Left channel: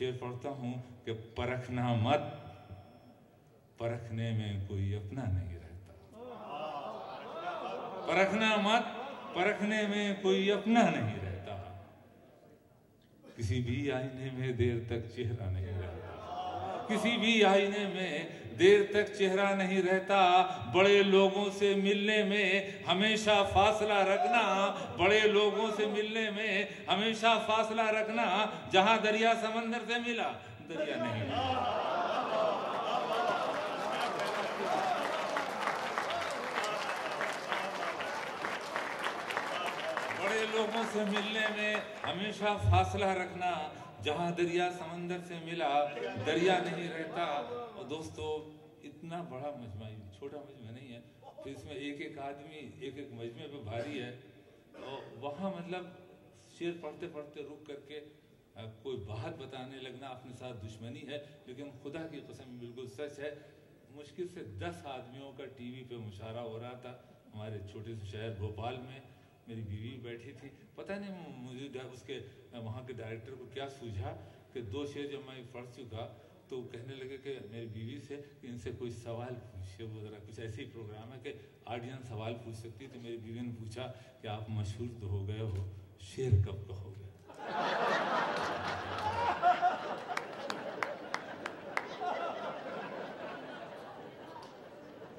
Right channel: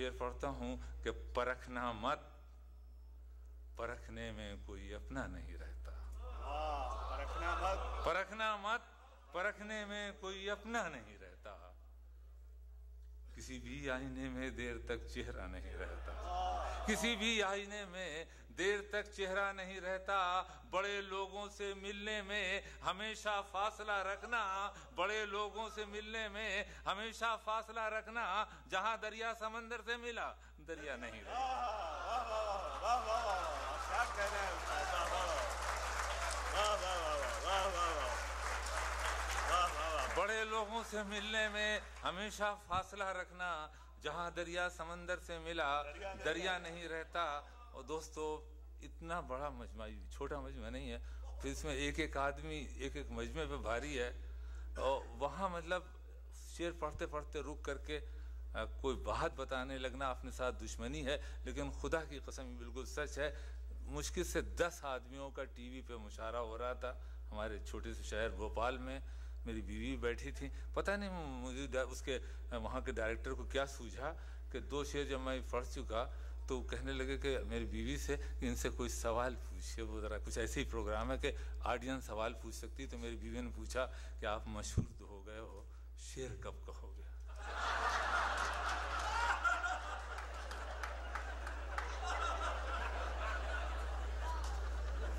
शेर पढ़ता हूं कि परखना मत, परखने में कोई अपना नहीं रहता। परखना मत, परखने में कोई अपना नहीं रहता। किसी भी आईने में देर तक चेहरा नहीं रहता। किसी भी आईने में देर तक चेहरा नहीं रहता। बड़े लोगों से मिलने में हमेशा फासला रखना। बड़े लोगों से मिलने में हमेशा फासला रखना। जहां दरिया समंदर से मिला, दरिया नहीं मिला। बड़े लोगों से मिलने में हमेशा फासला रखना। जहां दरिया समंदर से मिला, दरिया नहीं रहता। और दोस्तों, इतना बड़ा मजमा, छोटा मजमा नहीं है, फिर इसमें एक एक आदमी एक एक मजमे पे भारी है। और वहां मतलब शेर पढ़ते पढ़ते रुक करके कोई बात बताने लगना अपने साथ दुश्मनी है। लेकिन खुदा की कसम बिल्कुल सच है। मुश्किल से 10 आदमियों का टीवी पे मुशायरा हो रहा था हमारे छोटे से शहर भोपाल में। मेरी बीवी बैठी थी। पता नहीं मुझे उसके वहाँ के डायरेक्टर को क्या सूझा कि 2 शेर जब मैं पढ़ चुका तो कहने लगे कि मेरी बीवी से कि इनसे कोई सवाल पूछे। वो ज़रा कुछ ऐसे ही प्रोग्राम है कि ऑडियंस सवाल पूछ सकती। तो मेरी बीवी ने पूछा कि आप मशहूर तो हो गए हो, शेर कब कहोगे?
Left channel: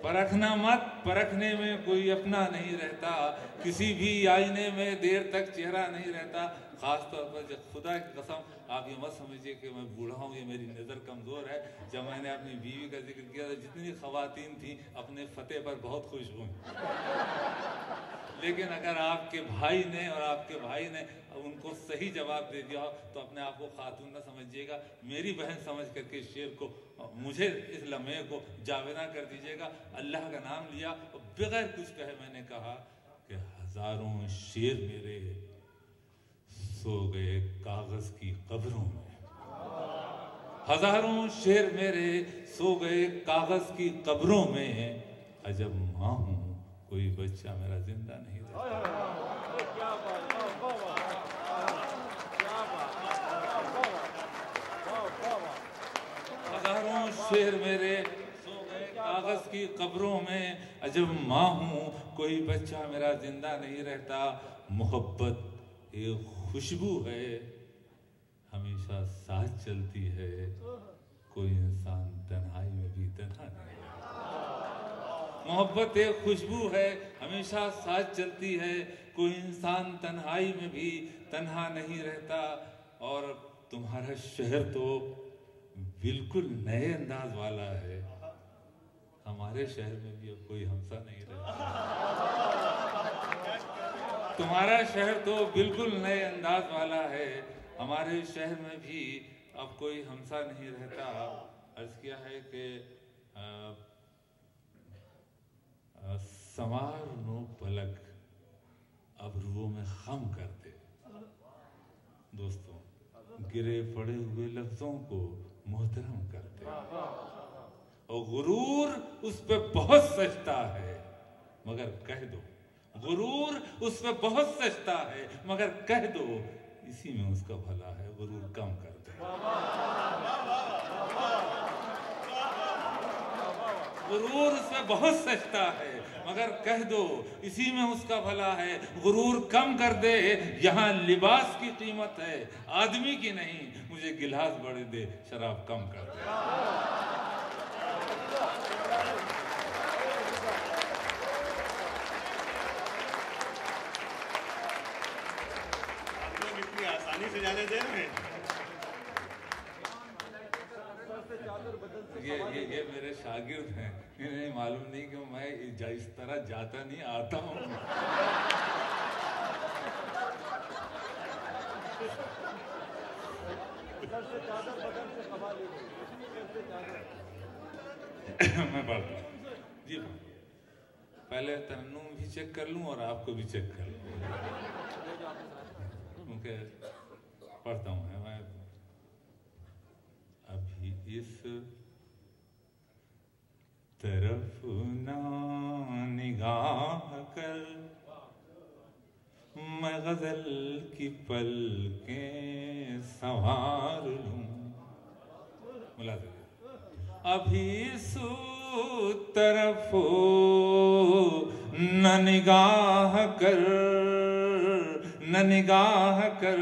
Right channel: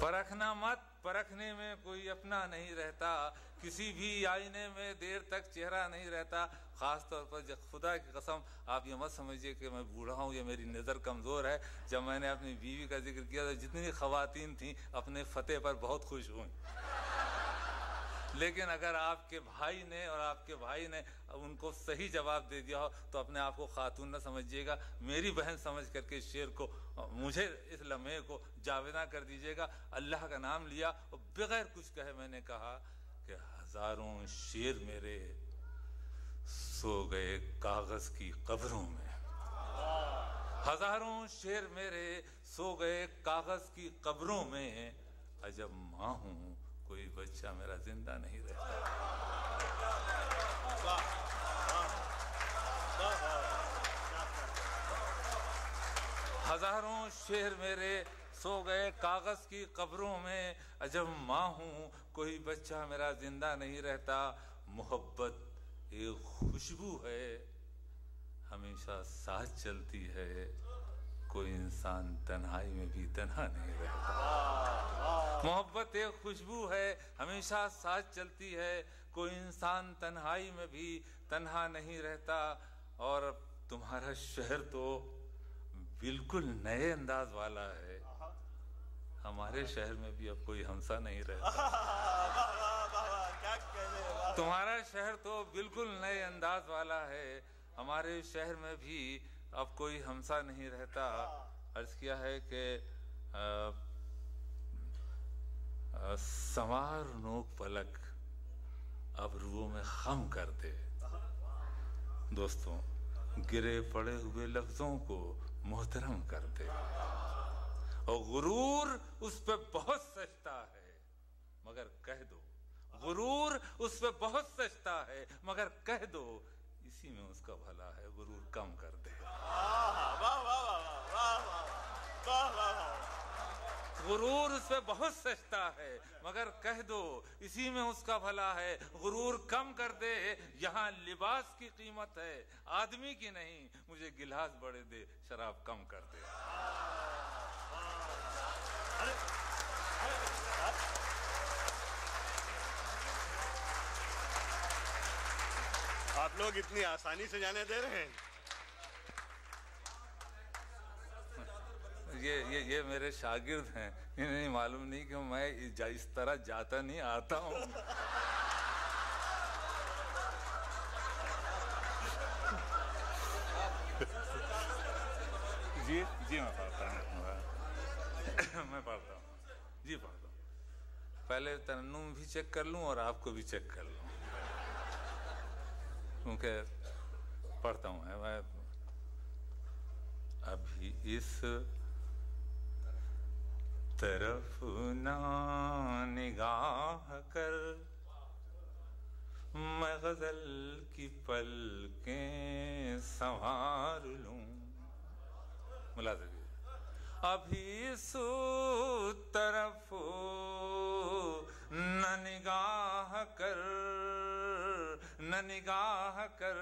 परखना मत, परखने में कोई अपना नहीं रहता। किसी भी आईने में देर तक चेहरा नहीं रहता। खास तौर पर जब, खुदा की कसम, आप ये मत समझिए कि मैं बूढ़ा हूँ या मेरी नज़र कमज़ोर है। जब मैंने अपनी बीवी का जिक्र किया तो जितनी ख़वातीन थी अपने फतेह पर बहुत खुश हुई। लेकिन अगर आपके भाई ने और आपके भाई ने उनको सही जवाब दे दिया हो तो अपने आप को खातून न समझिएगा, मेरी बहन समझ करके शेर को, मुझे इस लम्हे को जावेदा कर दीजिएगा। अल्लाह का नाम लिया और बगैर कुछ कहे मैंने कहा कि हजारों शेर मेरे सो गए कागज की कब्रों में। हजारों शेर मेरे सो गए कागज की कब्रों में। अजब मां हूं, कोई बच्चा मेरा जिंदा नहीं रहता। हजारों शेर मेरे सो गए कागज की कब्रों में। अजब मां हूं, कोई बच्चा मेरा जिंदा नहीं रहता। मोहब्बत एक खुशबू है, हमेशा साथ चलती है। कोई इंसान तन्हाई में भी तन्हा नहीं रहता। मोहब्बत एक खुशबू है, हमेशा साथ चलती है। कोई इंसान तन्हाई में भी तन्हा नहीं रहता। और तुम्हारा शहर तो बिल्कुल नए अंदाज वाला है। हमारे शहर में भी अब कोई हमसा नहीं रहता। तुम्हारा शहर तो बिल्कुल नए अंदाज वाला है। हमारे शहर में भी अब कोई हमसा नहीं रहता। अर्ज किया है कि संवार नो पलक अब रुओं में खम कर दे। दोस्तों, गिरे पड़े हुए लफ्जों को मोहतरम करते। और गुरूर उस पे बहुत सजता है मगर कह दो, गुरूर उस पे बहुत सजता है मगर कह दो, इसी में उसका भला है, गुरूर कम कर दे। गुरूर उस पे बहुत सजता है मगर कह दो, इसी में उसका भला है, गुरूर कम कर दे। यहाँ लिबास की कीमत है, आदमी की नहीं। मुझे गिलास बड़े दे, शराब कम कर दे। आप लोग इतनी आसानी से जाने दे रहे हैं। ये मेरे शागिर्द हैं। इन्हें मालूम नहीं कि मैं इस तरह जाता नहीं, आता हूँ। जी जी मैं पढ़ता हूँ जी। पहले तरन्नुम भी चेक कर लूँ और आपको भी चेक कर लूँ, क्योंकि पढ़ता हूँ मैं। अभी इस तरफ ना निगाह कर, मैं गजल की पलकें संवार लूं। अभी सू तरफ न निगाह कर, न निगाह कर,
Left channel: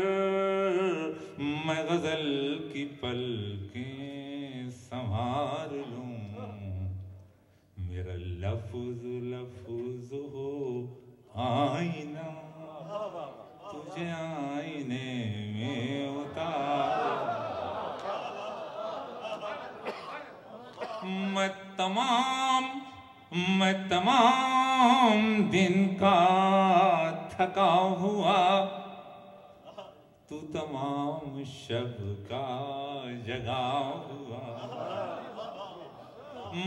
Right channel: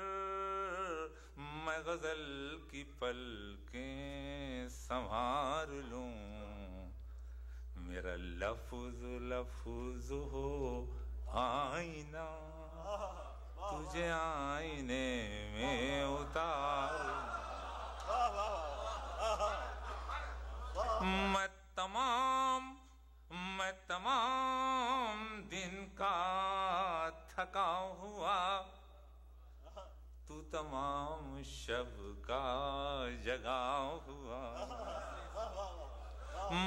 मैं गजल की पलकें संभाल लूं। मेरा लफ्ज लफ्ज हो आईना, तुझे आईने में उतार। मैं तमाम दिन का थका हुआ, तू तमाम शब का जगा हुआ।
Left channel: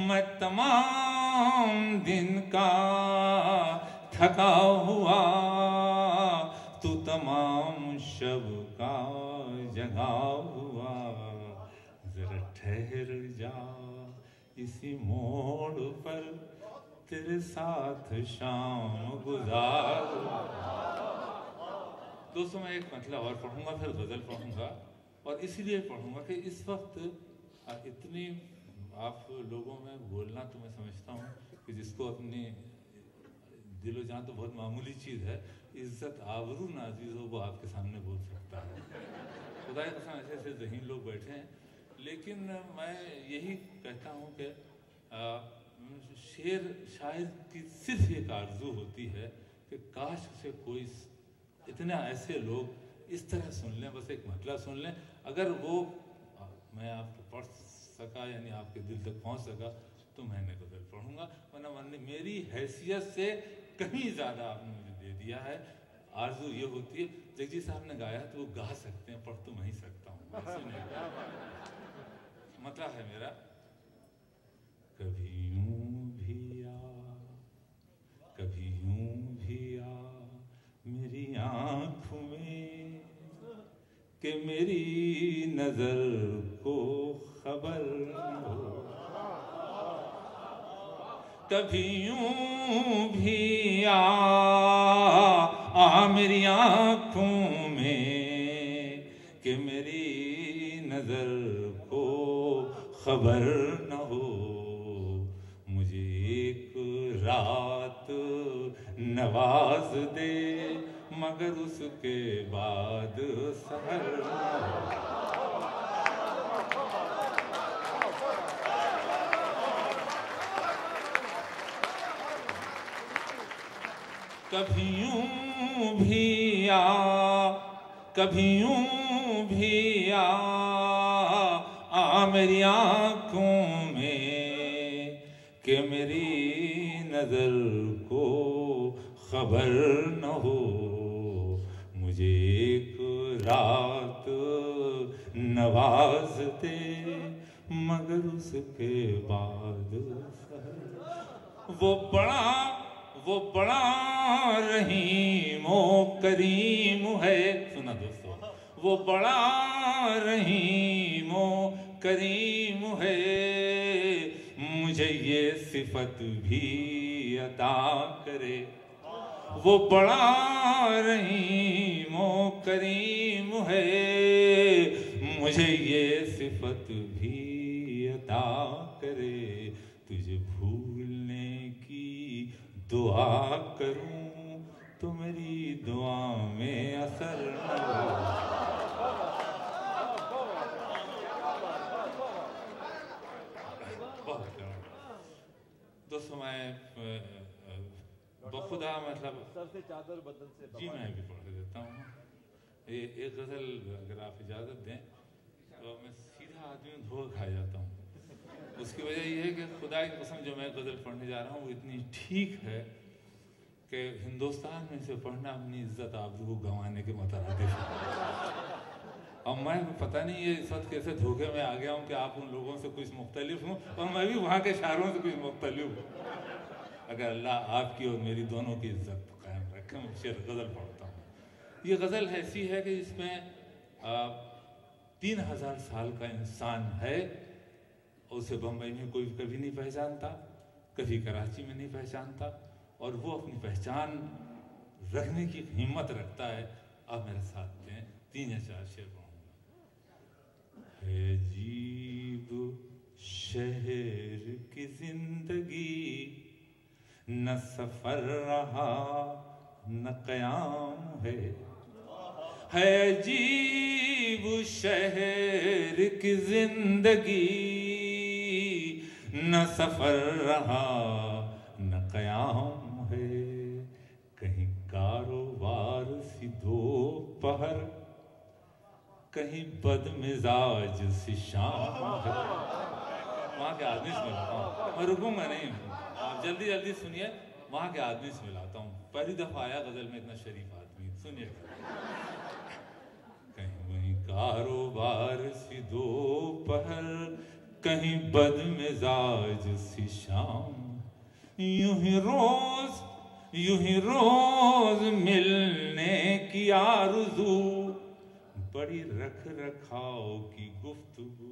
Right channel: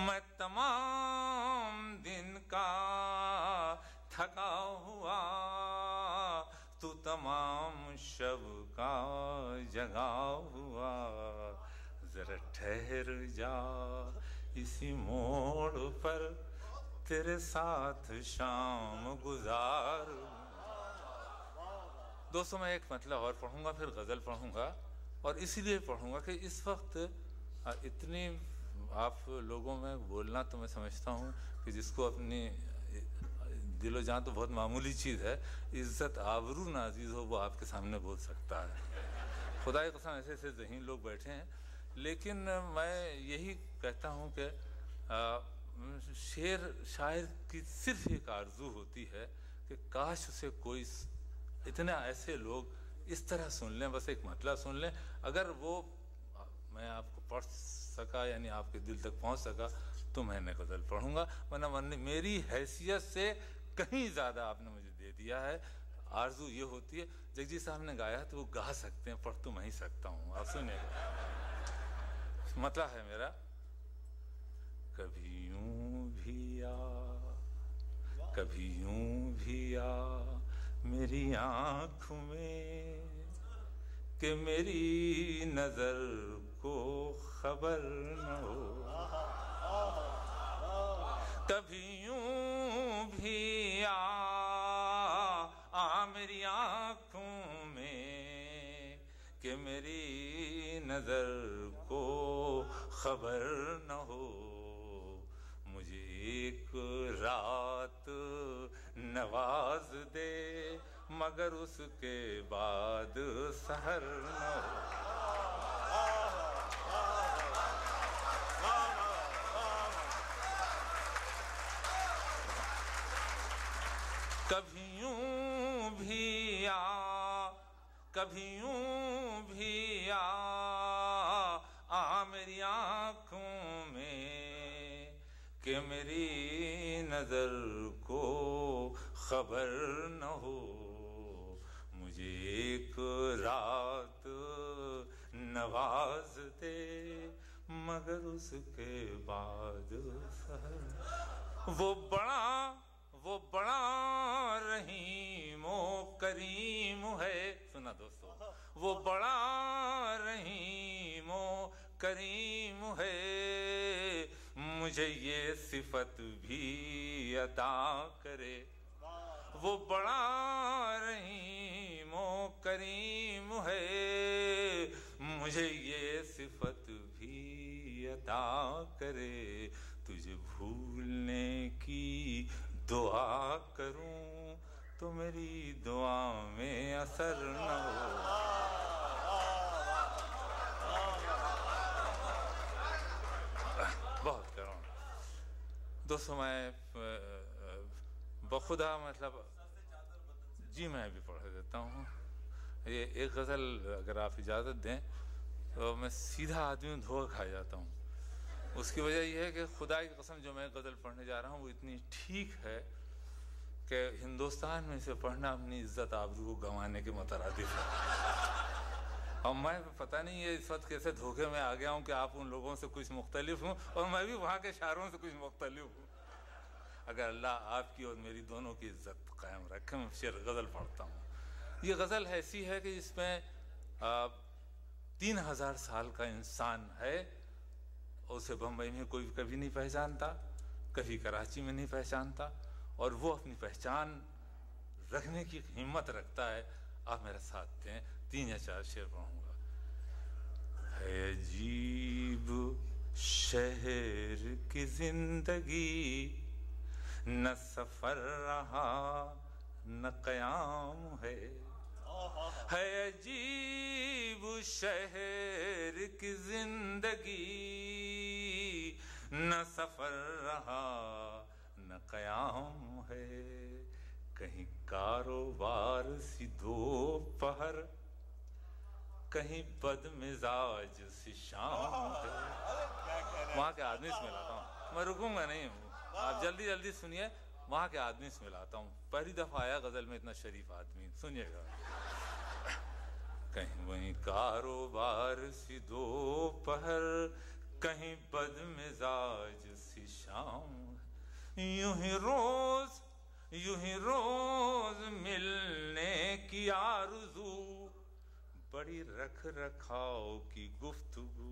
मैं तमाम दिन का थका हुआ, तू तमाम शब का जगा हुआ। जरा ठहर जा इसी मोड़ पर, तेरे साथ शाम गुजार। दोस्तों मैं एक मतलब और पढ़ूंगा, फिर गजल पढ़ूंगा, और इसीलिए पढ़ूंगा कि इस वक्त इतनी आप लोगों में बोलना, तो मैं समझता हूँ कि जिसको अपनी दिलो जान तो बहुत मामूली चीज़ है, इज्जत आबरू नाजीज हो वो आपके सामने बोल सकता है। खुदा की कसम ऐसे ऐसे ज़हीन लोग बैठे हैं। लेकिन मैं यही कहता हूँ कि शेर शायर की सिर्फ एक आरजू होती है कि काश उसे कोई इतने ऐसे लोग इस तरह सुन लें, बस एक मतलब सुन लें। अगर वो मैं आपको पढ़ सका, यानी आपके दिल तक पहुंच सका, तो मैंने गजल पढ़ूंगा, वरना मेरी हैसियत से कहीं ज़्यादा आपने मुझे दे दिया है। आरजू ये होती है, जगजी साहब ने गाया तो वो गा सकते हैं, पढ़ तो मैं ही सकता हूँ। आप सुनिए, मतलब है मेरा, कभी यूं भी आ, कभी यूं भी आ मेरी आँखों में, कि मेरी नजर को खबर न हो। कभी यूं भी आ मेरी आँखों में, कि मेरी नजर को खबर न हो। मुझे एक रात नवाज दे, मगर उसके बाद सहर न हो। कभी यूं भी आ, कभी यूं भी आ मेरी आँखों में, कि मेरी नजर को खबर न हो। मुझे एक रात नवाज दे, मगर उसके बाद वो बड़ा रहीमो करीम है। सुना दोस्तों, वो बड़ा रहीमो करीम है, मुझे ये सिफत भी अता करे। वो बड़ा रहीमो करीम है, मुझे ये सिफत भी अता करे। तुझे भूलने की दुआ करूं तो मेरी दुआ में असर न हो। दोस्तों मैं बखुदा मतलब सबसे चादर बदन से जी मैं भी पढ़ देता हूँ। ये एक गज़ल अगर आप इजाज़त दें तो मैं सीधा आदमी धोखा खा जाता हूँ। उसकी वजह ये है कि खुदा की कसम जो मैं गज़ल पढ़ने जा रहा हूँ वो इतनी ठीक है कि हिंदुस्तान में से पढ़ना अपनी इज्जत आबरू गंवाने के मुतरादिफ है। और मैं पता नहीं ये इस वक्त कैसे धोखे में आ गया हूँ कि आप उन लोगों से कुछ मुख्तलिफ हूँ और मैं भी वहाँ के शायरों से कुछ मुख्तलिफ हूँ। अगर अल्लाह आपकी और मेरी दोनों की इज्जत कायम रखे, मैं शेर गज़ल पढ़ता हूँ। ये गज़ल ऐसी है कि इसमें 3000 साल का इंसान है, उसे बम्बई में कोई कभी नहीं पहचानता, कभी कराची में नहीं पहचानता, और वो अपनी पहचान रखने की हिम्मत रखता है। आप मेरे साथ दें, 3 या 4 शेर पढ़ूंगा। है अजीब शहर की जिंदगी न सफर रहा न कयाम है अजीब शहर की जिंदगी न सफर रहा न कयाम है। कहीं कारोबार सी दोपहर, कहीं बदमिजाज सी शाम है। वहाँ के आदमी से मिलाता हूँ, मैं रुकूंगा नहीं, आप जल्दी जल्दी सुनिए। वहाँ के आदमी से मिलाता हूँ, पहली दफा आया गजल में इतना शरीफ आदमी, सुनिएगा। कहीं वहीं कारोबार सी दोपहर, कहीं बदमिजाज सी शाम, यूं ही रोज मिलने की आरज़ू, बड़ी रख रखाव की गुफ्तगू।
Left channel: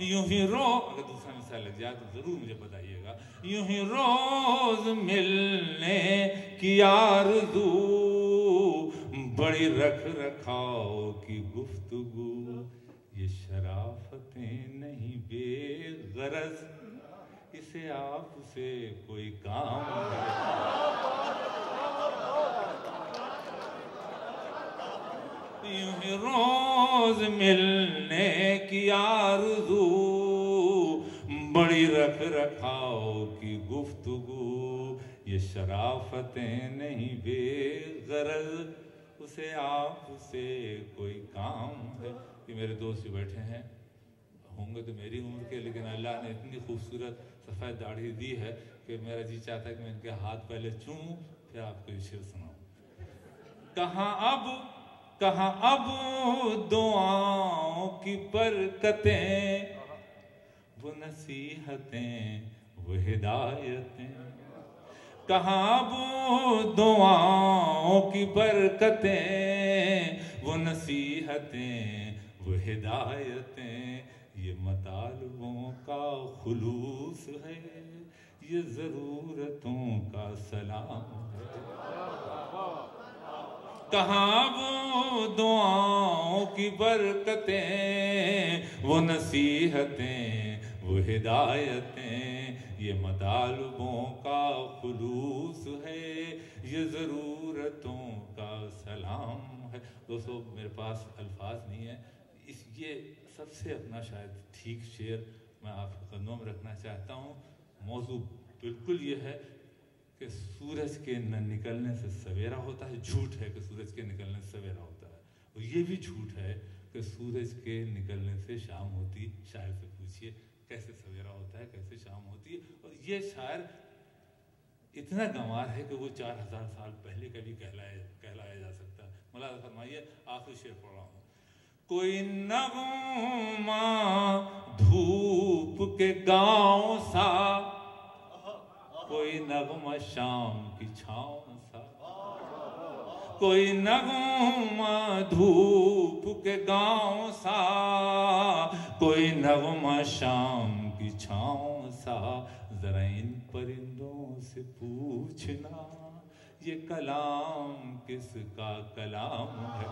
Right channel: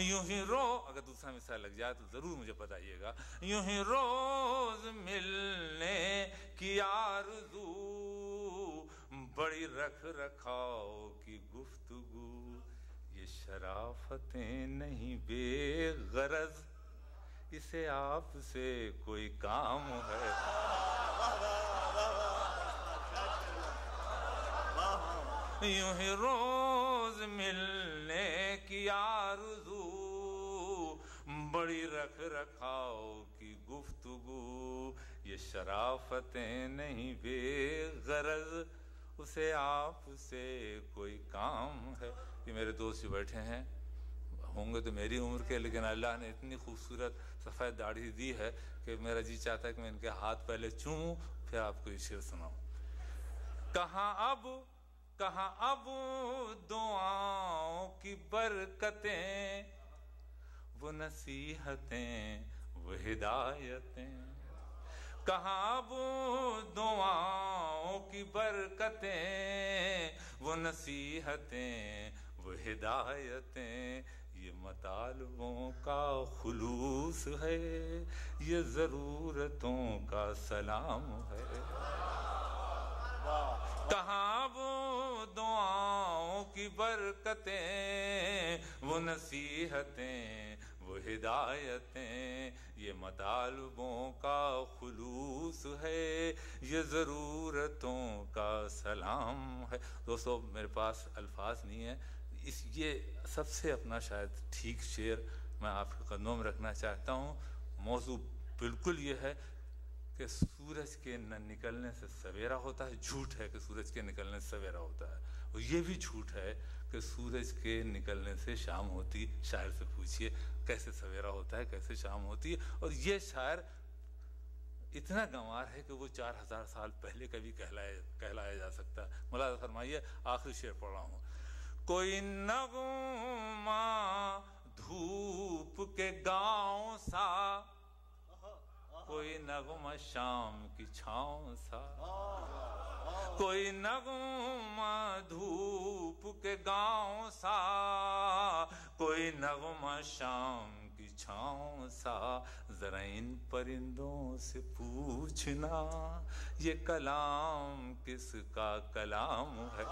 यूं ही अगर दूसरा मिसाल लग जाए तो जरूर मुझे बताइएगा। यूं ही रोज मिलने की आरज़ू, बड़ी रख रखाव की गुफ्तगू। ये शराफतें नहीं बेगरज, इसे आपसे कोई काम है। यूं ही रोज मिलने की आरज़ू, बड़ी रख रखाव की गुफ्तगू। ये शराफतें नहीं बेगरज, उसे आपसे कोई काम है। ये मेरे दोस्त जो बैठे हैं होंगे तो मेरी उम्र के, लेकिन अल्लाह ने इतनी खूबसूरत सफ़ेद दाढ़ी दी है कि मेरा जी चाहता है कि मैं इनके हाथ पहले चूमूं फिर आपको ये शेर सुनाऊं। कहाँ अब दुआओं की बरकतें, वो नसीहतें वो हिदायतें। कहाँ अब दुआओं की बरकतें, वो नसीहतें वो हिदायतें। ये मतालबों का खुलूस है, ये ज़रूरतों का सलाम है। कहाँ वो दुआओं की बरकतें, वो नसीहतें वो हिदायतें। ये मतालबों का खुलूस है, ये ज़रूरतों का सलाम है। दोस्तों मेरे पास अल्फाज नहीं है, ये सबसे अपना शायद ठीक शेर मैं आपके कदमों में रखना चाहता हूँ। मौजू बिल्कुल ये है कि सूरज के न निकलने से सवेरा होता है। झूठ है कि सूरज के निकलने से सवेरा होता है, और ये भी झूठ है कि सूरज के निकलने से शाम होती। शायर से पूछिए कैसे सवेरा होता है, कैसे शाम होती है। और ये शायर इतना गंवार है कि वो 4000 साल पहले कभी कहलाया जा सकता है। मुलाज़ा फरमाइए, आखिरी शेर पढ़ रहा हूँ। कोई नगमा धूप के गांव सा, कोई नगमा शाम की छाँव सा। कोई नगमा धूप के गांव सा, कोई नगमा शाम की छाँव सा। जरा इन परिंदों से पूछना, ये कलाम किसका कलाम है।